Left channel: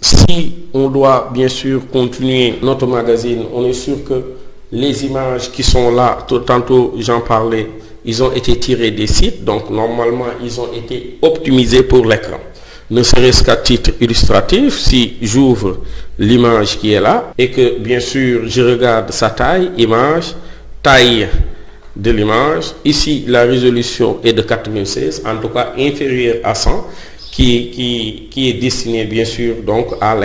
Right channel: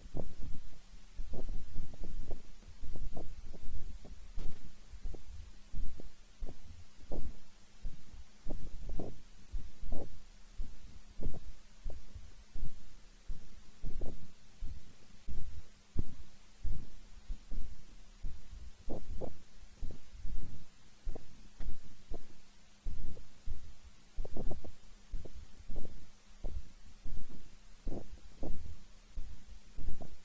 si on doit bien sûr continuer notre magazine, on est sûr que les images qui sont là, tantôt j'en parlais, ils ont été tirés des sites, donc normalement ils ont été optimisés pour l'écran. Ne serait-ce qu'à titre illustratif, si j'ouvre l'image qui est là et que bien sûr je regarde sa taille, image, taille de l'image, ici la résolution est de 96, en tout cas inférieure à 100, qui est destiné bien sûr donc à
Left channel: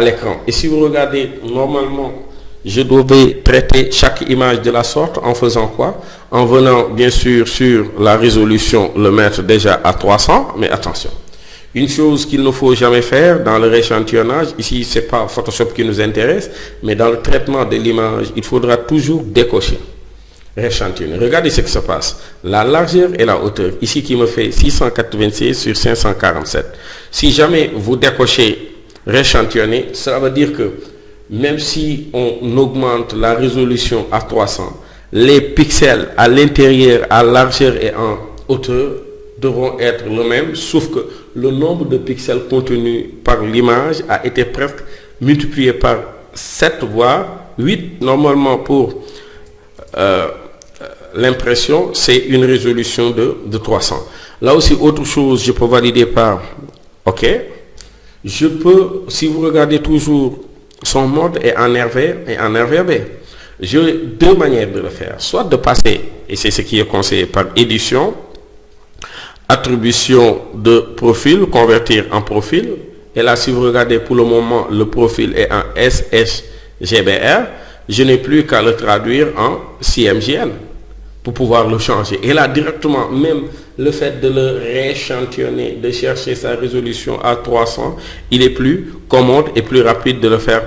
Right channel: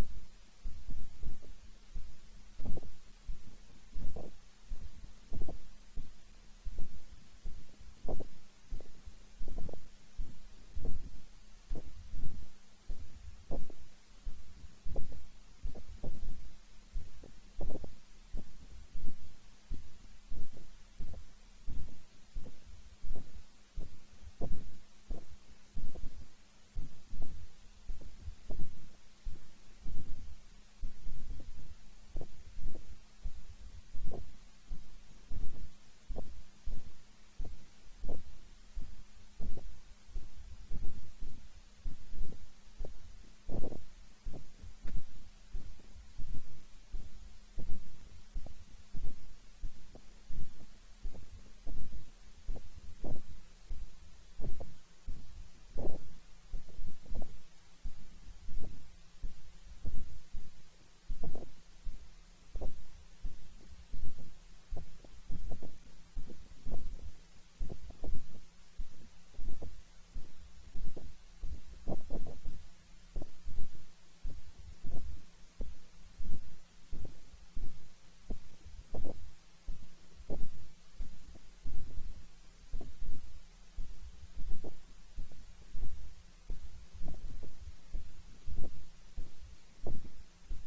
l'écran. Et si vous regardez, normalement, je devais traiter chaque image de la sorte en faisant quoi? En venant bien sûr sur la résolution, le mettre déjà à 300, mais attention. Une chose qu'il ne faut jamais faire dans le rééchantillonnage, ici c'est pas Photoshop qui nous intéresse, mais dans le traitement de l'image, il faudra toujours décocher. Rééchantillonner. Regardez ce qui se passe. La largeur et la hauteur, ici qui me fait 686 sur 547. Si jamais vous décochez rééchantillonner, ça veut dire que même si on augmente la résolution à 300, les pixels à l'intérieur, à largeur et en hauteur devront être le même, sauf que le nombre de pixels contenus par l'image a été presque multiplié par 7 voire 8. Normalement pour l'impression, c'est une résolution de 300. Là aussi, autre chose, je peux valider par OK. Je peux, si vous regardez toujours, son mode est en RV et en RVB. J'ai deux manières de le faire. Soit de passer, et c'est ce qui est conseillé par édition, attribution de profil, convertir en profil. Et là, si vous regardez pour le moment, le profil est en SHGBR. Je n'ai plus qu'à le traduire en CMJN pour pouvoir le changer. Et là, directement, même le fait de le rééchantillonner, de chercher sa résolution à 300, il est plus commode et plus rapide de le faire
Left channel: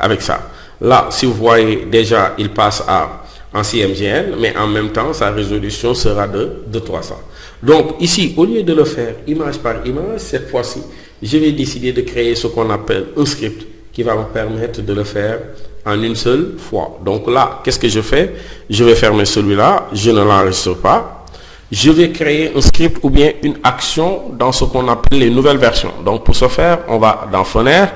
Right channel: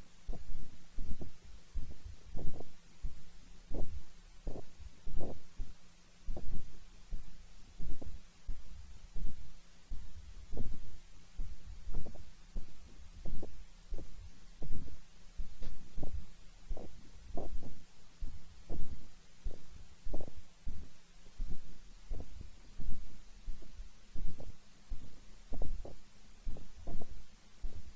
avec ça. Là, si vous voyez déjà, il passe en CMJN, mais en même temps, sa résolution sera de 300. Donc ici, au lieu de le faire image par image, cette fois-ci, je vais décider de créer ce qu'on appelle un script qui va me permettre de le faire en une seule fois. Donc là, qu'est-ce que je fais? Je vais fermer celui-là, je ne l'enregistre pas. Je vais créer un script ou bien une action dans ce qu'on appelle les nouvelles versions. Donc pour ce faire, on va dans Fenêtre.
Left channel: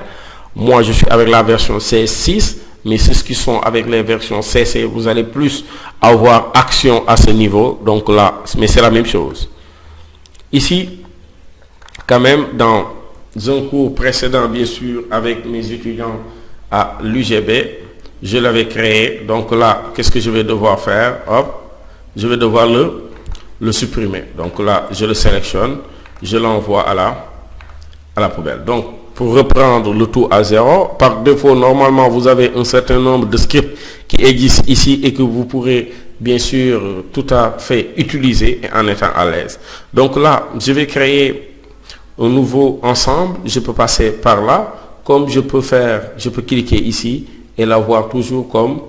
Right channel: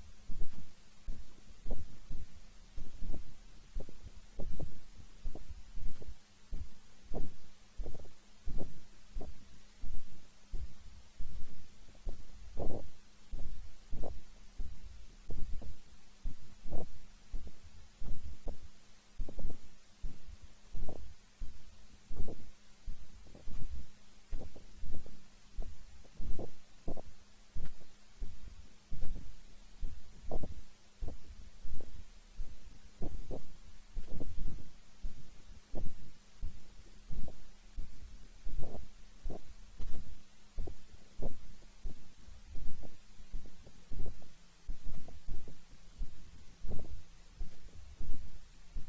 Moi, je suis avec la version CS6, mais ceux qui sont avec les versions CC, vous allez plus avoir action à ce niveau. Donc là, mais c'est la même chose. Ici, quand même, dans un cours précédent, bien sûr, avec mes étudiants à l'UGB, je l'avais créé. Donc là, qu'est-ce que je vais devoir faire? Hop, je vais devoir le supprimer. Donc là, je le sélectionne, je l'envoie à la poubelle. Donc, pour reprendre le tout à zéro, par défaut, normalement, vous avez un certain nombre de scripts qui existent ici et que vous pourrez bien sûr tout à fait utiliser en étant à l'aise. Donc là, je vais créer un nouveau ensemble. Je peux passer par là. Comme je peux cliquer ici et l'avoir toujours comme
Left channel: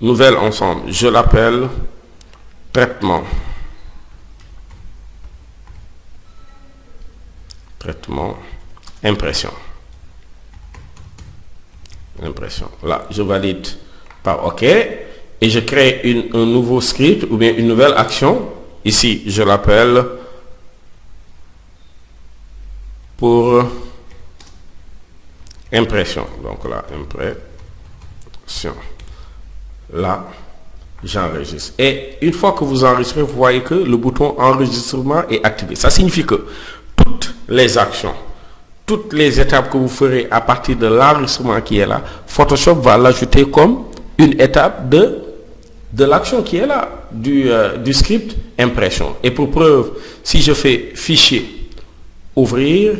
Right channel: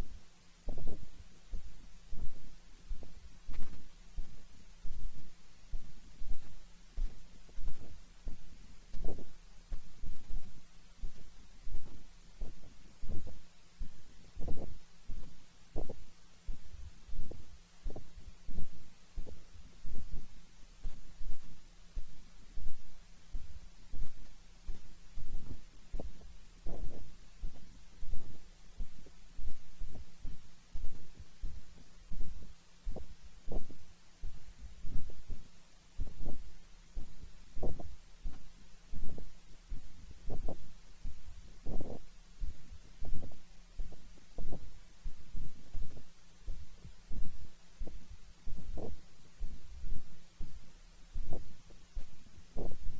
nouvel ensemble. Je l'appelle traitement. Traitement, impression. Impression. Là, je valide par OK. Et je crée un nouveau script ou bien une nouvelle action. Ici, je l'appelle pour impression. Donc là, impression. Là, j'enregistre. Et une fois que vous enregistrez, vous voyez que le bouton enregistrement est activé. Ça signifie que toutes les actions, toutes les étapes que vous ferez à partir de l'enregistrement qui est là, Photoshop va l'ajouter comme une étape de l'action qui est là, du script impression. Et pour preuve, si je fais fichier, ouvrir,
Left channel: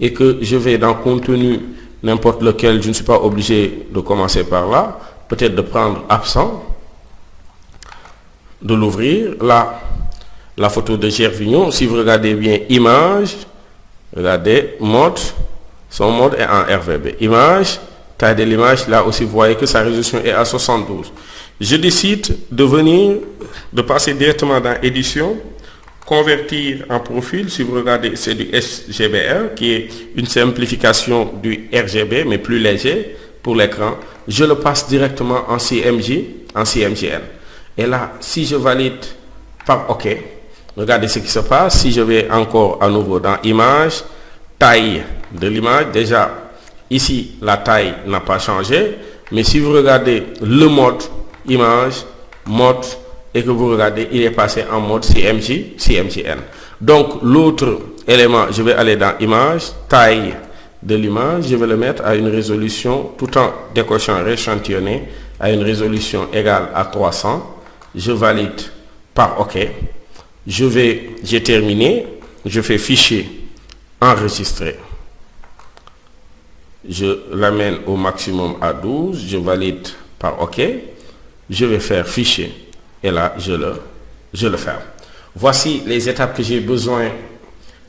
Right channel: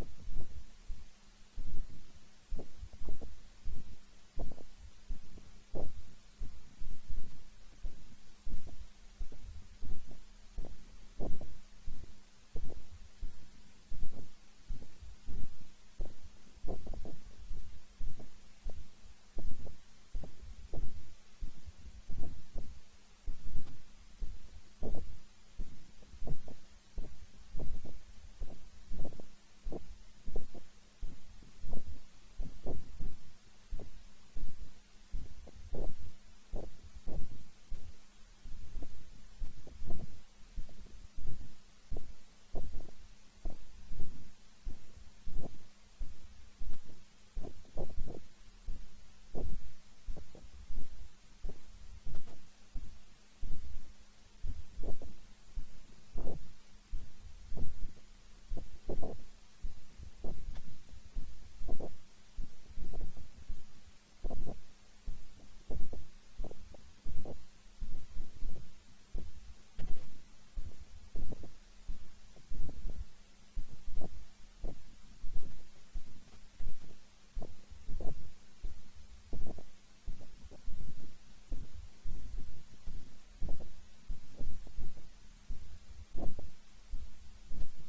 et que je vais dans contenu n'importe lequel, je ne suis pas obligé de commencer par là, peut-être de prendre absent, de l'ouvrir, là, la photo de Gervignon, si vous regardez bien image, regardez, mode, son mode est en RVB. Image, taille de l'image, là aussi vous voyez que sa résolution est à 72. Je décide de passer directement dans édition, convertir en profil. Si vous regardez, c'est du SGBR qui est une simplification du RGB mais plus léger pour l'écran. Je le passe directement en CMJN. Et là, si je valide par OK, regardez ce qui se passe. Si je vais encore à nouveau dans image, taille de l'image. Déjà, ici, la taille n'a pas changé. Mais si vous regardez le mode image, mode, et que vous regardez, il est passé en mode CMJN. Donc, l'autre élément, je vais aller dans image, taille de l'image, je vais le mettre à une résolution, tout en décochant rééchantillonné, à une résolution égale à 300. Je valide par OK. J'ai terminé. Je fais fichier, enregistrer. Je l'amène au maximum à 12. Je valide par OK. Je vais faire fichier. Et là, je le ferme. Voici les étapes que j'ai besoin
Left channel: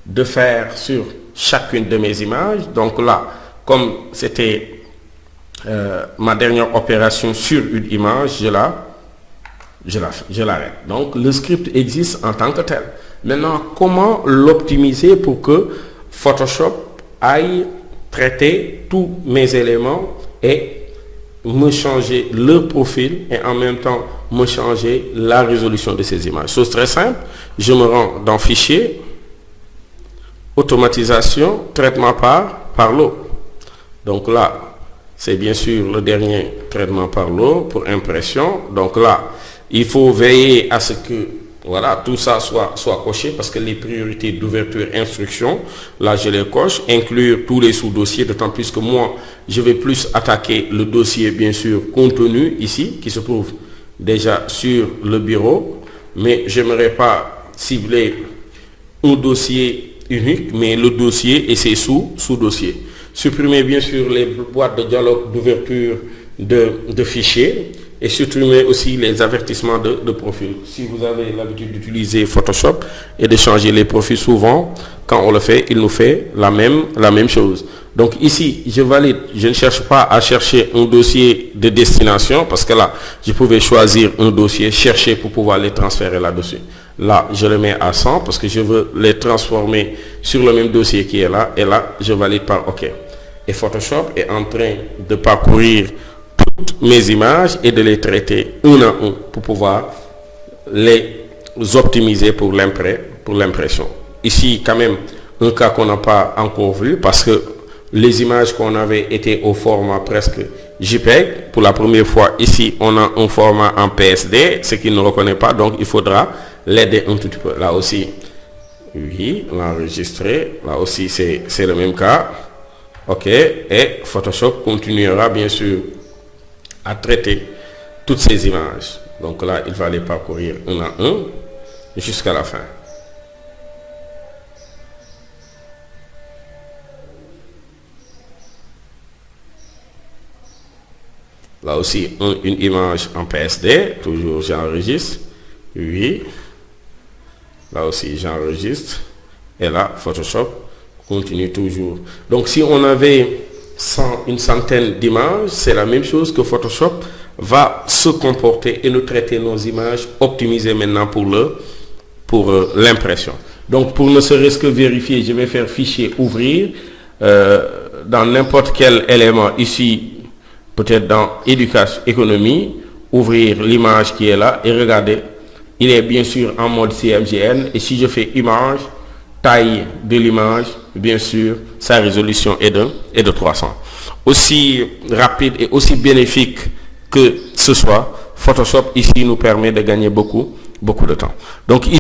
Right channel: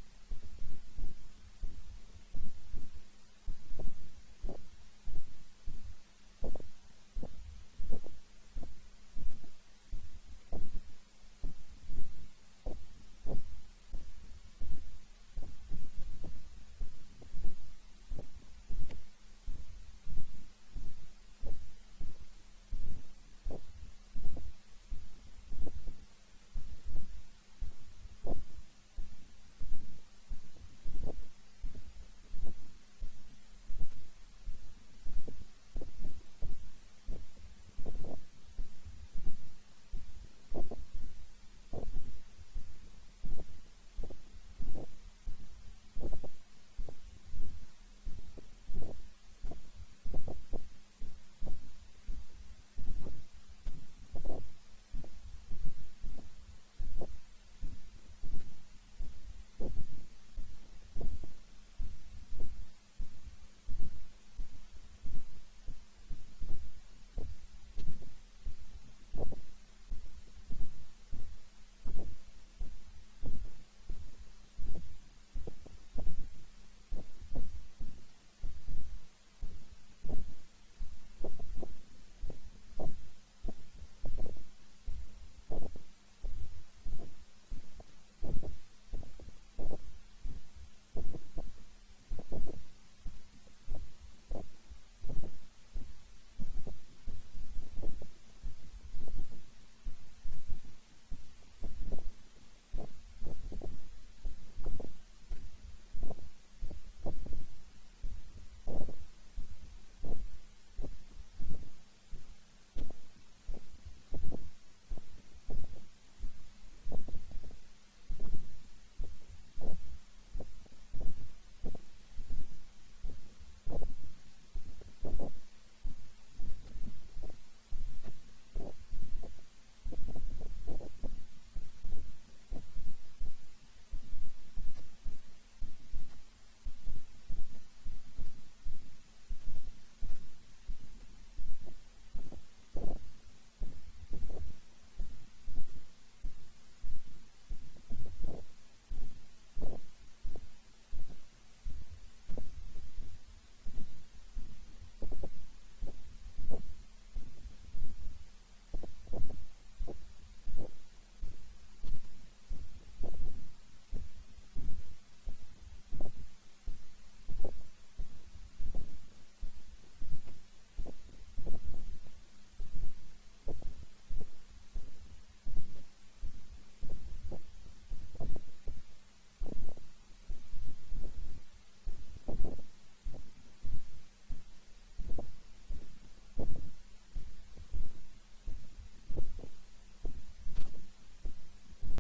de faire sur chacune de mes images. Donc là, comme c'était ma dernière opération sur une image, je l'arrête. Donc le script existe en tant que tel. Maintenant, comment l'optimiser pour que Photoshop aille traiter tous mes éléments et me changer le profil et en même temps me changer la résolution de ces images. Chose très simple, je me rends dans Fichier, Automatisation, Traitement par l'eau. Donc là, c'est bien sûr le dernier traitement par l'eau pour impression. Donc là, il faut veiller à ce que voilà, tout ça soit coché parce que les priorités d'ouverture instruction, là je les coche, inclure tous les sous-dossiers, d'autant plus que moi, je vais plus attaquer le dossier, bien sûr, contenu ici, qui se trouve déjà sur le bureau, mais je n'aimerais pas cibler un dossier unique, mais le dossier et ses sous-dossiers. Supprimer bien sûr les boîtes de dialogue d'ouverture de fichiers et supprimer aussi les avertissements de profil. Si vous avez l'habitude d'utiliser Photoshop et de changer les profils souvent, quand on le fait, il nous fait la même chose. Donc ici, je valide, je ne cherche pas à chercher un dossier de destination parce que là, je pouvais choisir un dossier, chercher pour pouvoir les transférer là-dessus. Là, je le mets à 100 parce que je veux les transformer sur le même dossier qui est là et là, je valide par OK. Et Photoshop est en train de parcourir toutes mes images et de les traiter un à un pour pouvoir les optimiser pour l'impression. Ici, quand même, un cas qu'on n'a pas encore vu parce que les images qu'on avait étaient au format presque JPEG. Pour la première fois, ici, on a un format en PSD, ce qu'il ne reconnaît pas, donc il faudra l'aider un tout petit peu. Là aussi, oui, l'enregistrer. Là aussi, c'est le même cas. OK. Et Photoshop continuera, bien sûr, à traiter toutes ces images. Donc là, il va les parcourir un à un jusqu'à la fin. Là aussi, une image en PSD, toujours j'enregistre. Oui. Là aussi, j'enregistre. Et là, Photoshop continue toujours. Donc, si on avait une centaine d'images, c'est la même chose que Photoshop va se comporter et nous traiter nos images optimisées maintenant pour l'impression. Donc, pour ne serait-ce que vérifier, je vais faire fichier ouvrir dans n'importe quel élément ici, peut-être dans éducation, économie, ouvrir l'image qui est là et regardez, il est bien sûr en mode CMJN et si je fais image, taille de l'image, bien sûr, sa résolution est de 300. Aussi rapide et aussi bénéfique que ce soit, Photoshop ici nous permet de gagner beaucoup de temps. Donc